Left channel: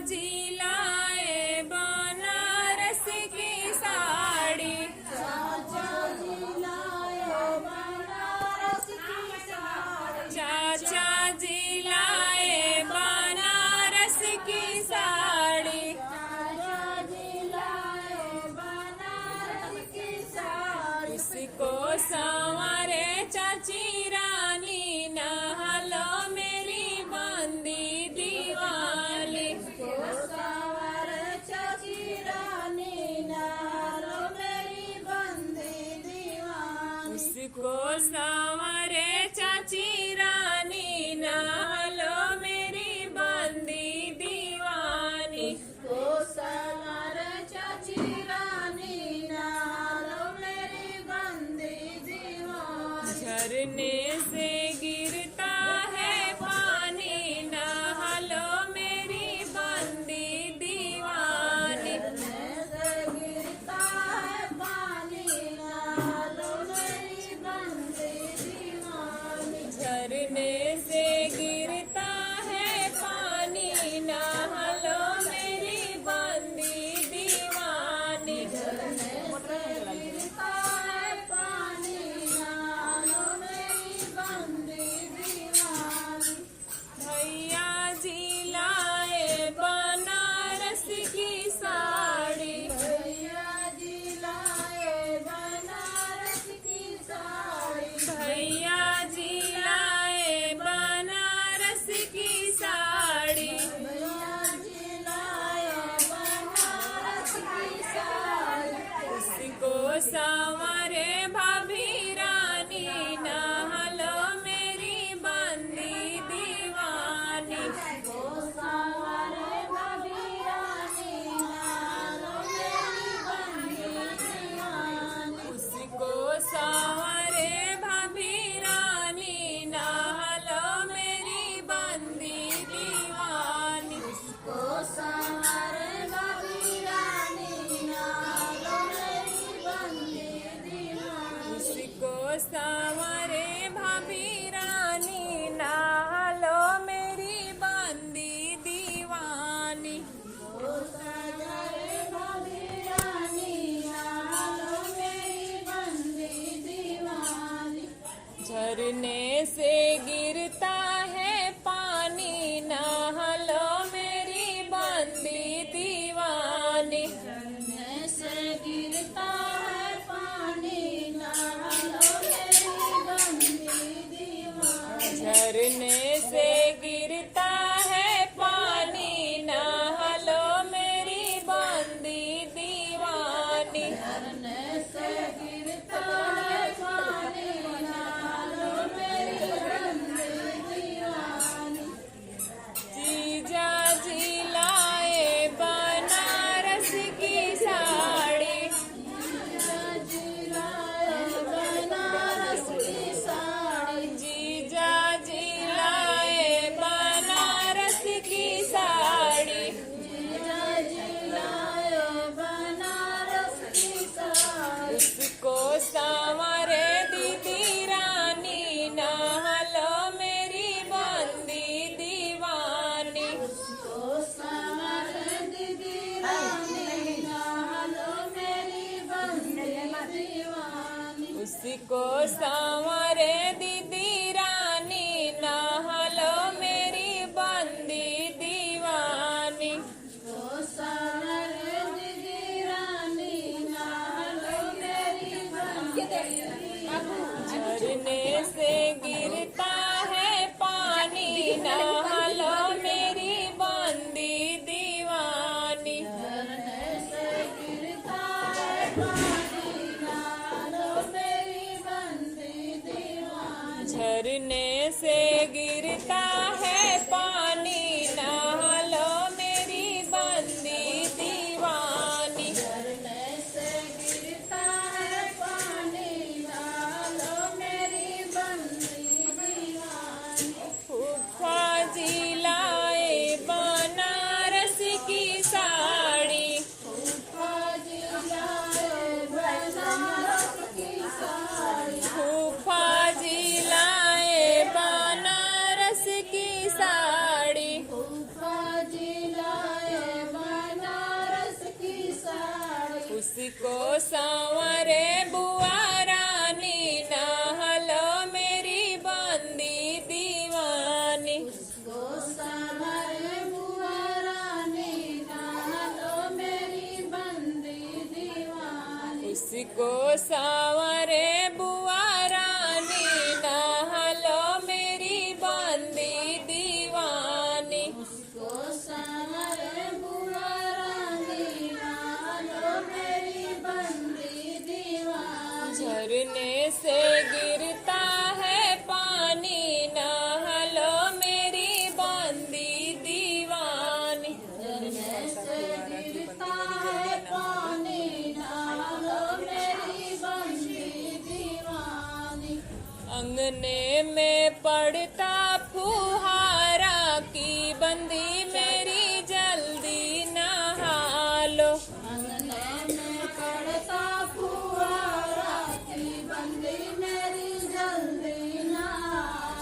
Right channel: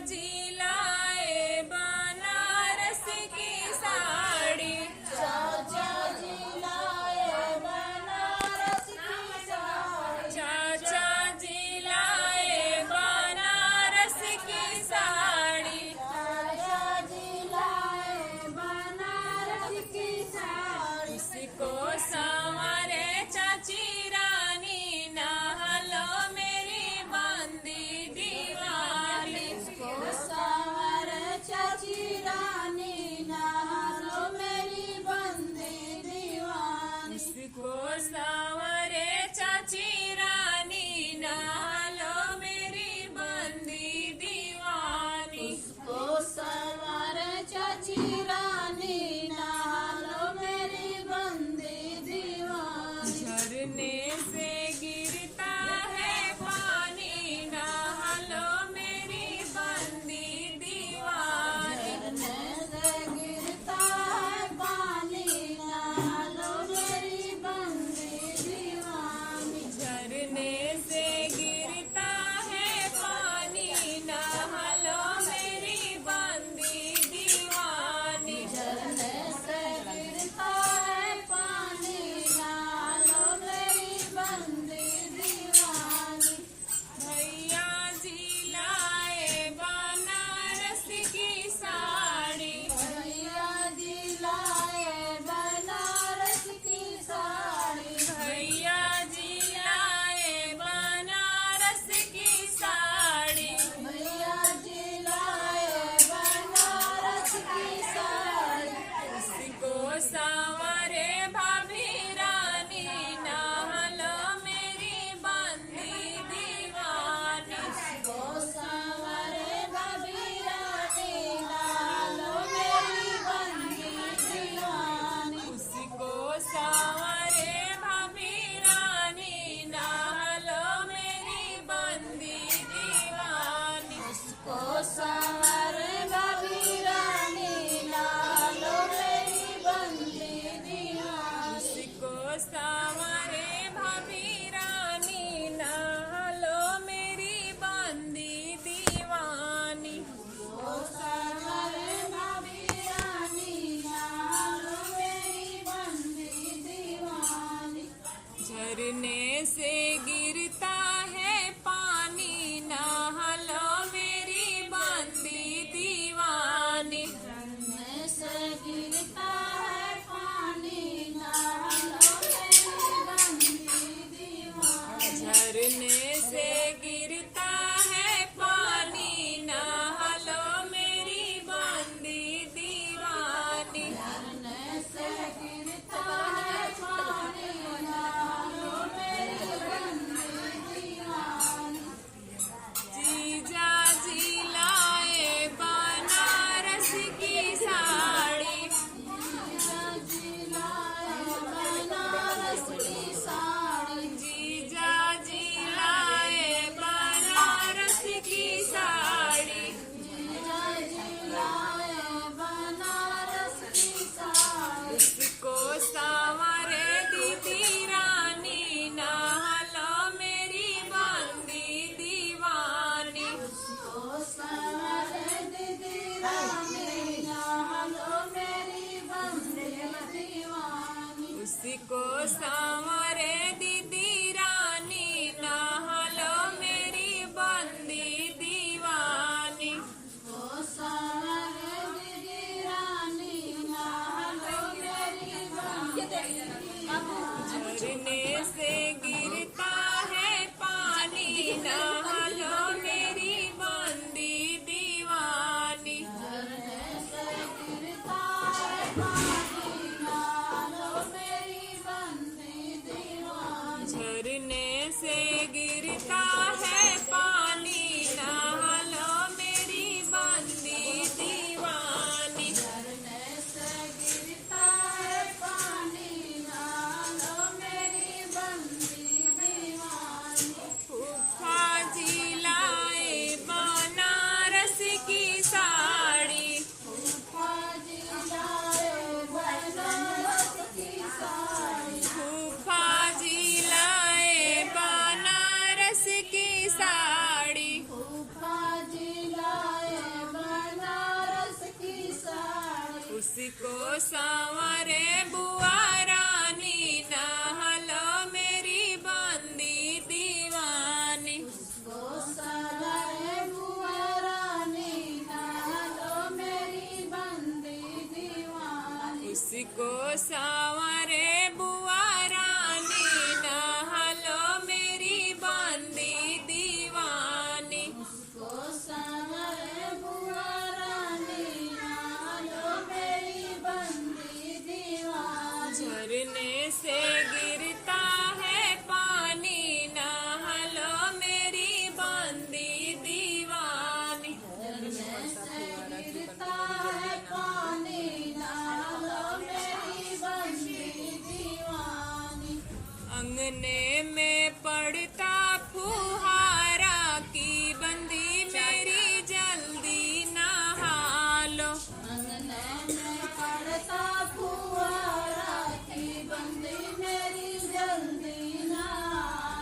जिलाए बनारस की साड़ी। चाचा जिलाए बनारस की साड़ी। चाचा जिलाए बनारस की साड़ी। चाचा जिलाए बनारस की साड़ी। इसको संवारे चाची रानी नहलो मेरी बंदी दीवानी। सवर चाची रानी नहलो मेरी बंदी दीवानी। इसको संवारे चाची रानी नहलो मेरी बंदी दीवानी। को सवर चाची रानी नहलो मेरी बंदी दीवानी। झरने से गिरता है पानी नहलो मेरी बंदी दीवानी। से गिरता है पानी नहलो मेरी बंदी दीवानी। झरने से गिरता है पानी नहलो मेरी बंदी दीवानी। से गिरता है पानी नहलो मेरी बंदी दीवानी। भैया जिलाए बनारस की साड़ी। भैया जिलाए बनारस की साड़ी। भैया जिलाए बनारस की साड़ी। भैया जिलाए बनारस की साड़ी। उसको संवारे भाभी रानी नहलो मेरी बंदी दीवानी। को सवारे भाभी रानी नहलो मेरी बंदी दीवानी। उसको संवारे भाभी रानी नहलो मेरी बंदी दीवानी। को सवारे भाभी रानी नहलो मेरी बंदी दीवानी। उसको संवारे भाभी रानी नहलो मेरी बंदी दीवानी। को सवारे भाभी रानी नहलो मेरी बंदी दीवानी। झरने से गिरता है पानी नहलो मेरी बंदी दीवानी। झरने से गिरता है पानी नहलो मेरी बंदी दीवानी। झरने से गिरता है पानी नहलो मेरी बंदी दीवानी। झरने से गिरता है पानी नहलो मेरी बंदी दीवानी। जीजा जिलाए बनारस की साड़ी। जीजा जिलाए बनारस की साड़ी। जीजा जिलाए बनारस की साड़ी। जीजा जिलाए बनारस की साड़ी। उसको संवारे दीदी रानी नहलो मेरी बंदी दीवानी। को सवारे दीदी रानी नहलो मेरी बंदी दीवानी। उसको संवारे दीदी रानी नहलो मेरी बंदी दीवानी। को सवारे दीदी रानी नहलो मेरी बंदी दीवानी। झरने से गिरता है पानी नहलो मेरी बंदी दीवानी। झरने से गिरता है पानी नहलो मेरी बंदी दीवानी। झरने से गिरता है पानी नहलो मेरी बंदी दीवानी। झरने से गिरता है पानी नहलो मेरी बंदी दीवानी। फूफा जिलाए बनारस की साड़ी। फूफा जिलाए को संवरे बुआ रानी नहलो मेरी बंदी दीवानी। इसको संवरे बुआ रानी नहलो मेरी बंदी दीवानी। इसको संवरे बुआ रानी नहलो मेरी बंदी दीवानी। इसको संवरे बुआ रानी नहलो मेरी बंदी दीवानी। झरने से गिरता है पानी नहलो मेरी बंदी दीवानी। झरने से गिरता है पानी नहलो मेरी बंदी दीवानी। अंगने में पड़ता फुहारा की बंदी मेरी जल्दी नहा लो। अंगने में पड़ता फुहारा की बंदी मेरी जल्दी नहा।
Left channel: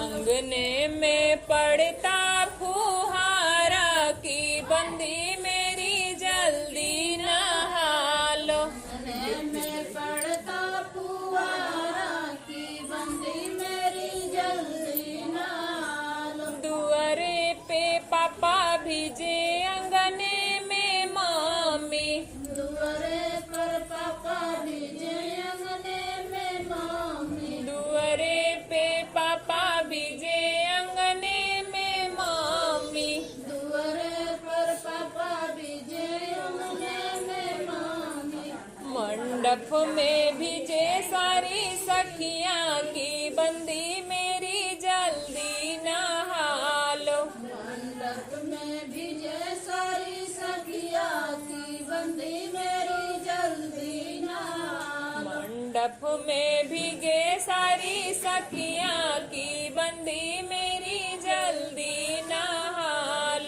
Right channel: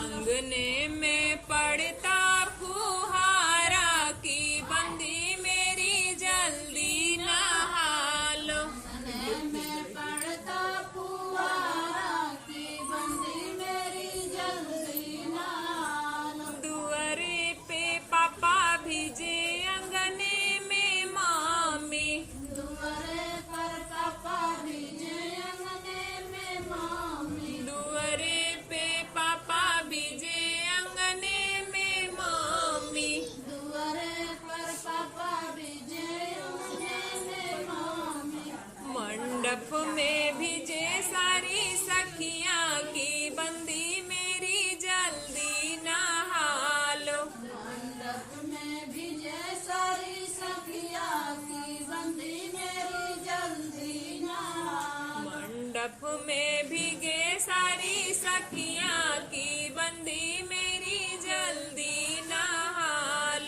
अंगने में पड़ता फुहारा की बंदी मेरी जल्दी नहा लो। अंगने में पड़ता फुहारा की बंदी मेरी जल्दी नहा। दुआरे पे पापा भीजे अंगने में मम्मी। दुआरे पर पापा भीजे अंगने में मम्मी। दुआरे पे पापा भीजे अंगने में मम्मी। दुआरे पर पापा भीजे अंगने में मम्मी। मंडप में भीजे सारी सखियां की बंदी मेरी जल्दी नहा लो। मंडप में भीजे सारी सखिया की बंदी मेरी जल्दी नहा। मंडप में भीगे सारी सखियां की बंदी मेरी जल्दी नहा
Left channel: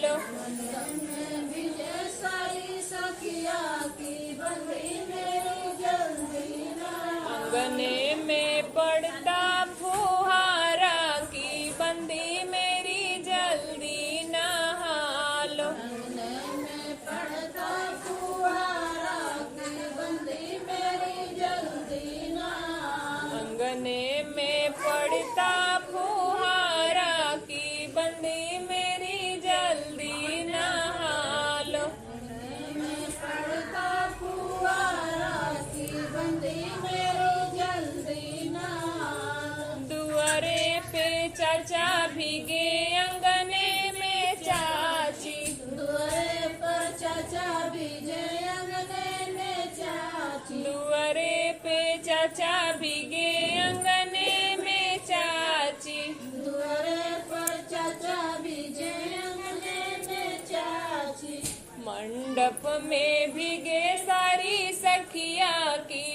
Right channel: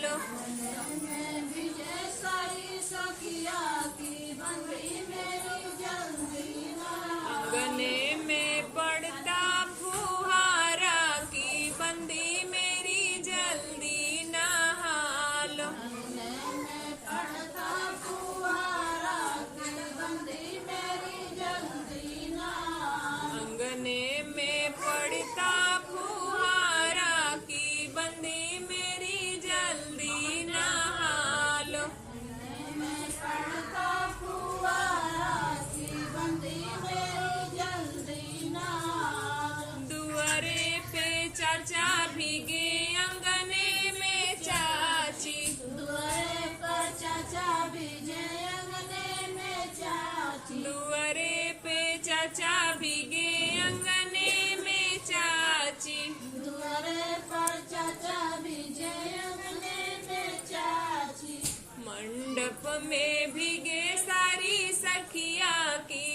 लो। मंडप में भीजे सारी सखिया की बंदी मेरी जल्दी नहा। अंगने में पड़ता फुहारा की बंदी मेरी जल्दी नहा लो। अंगने में पड़ता फुहारा की बंदी मेरी जल्दी नहा। अंगने में पड़ता फुहारा की बंदी मेरी जल्दी नहा लो। अंगने में पड़ता फुहारा की बंदी मेरी जल्दी नहा। दुआरे पे चाचा भीगे अंगने में चाची। दुआरे पर चाचा भीजे अंगने में चाची। दुआरे पे चाचा भीगे अंगने में चाची। दुआरे पर चाचा भीजे अंगने में चाची। मंडप में भीगे सारी सखिया की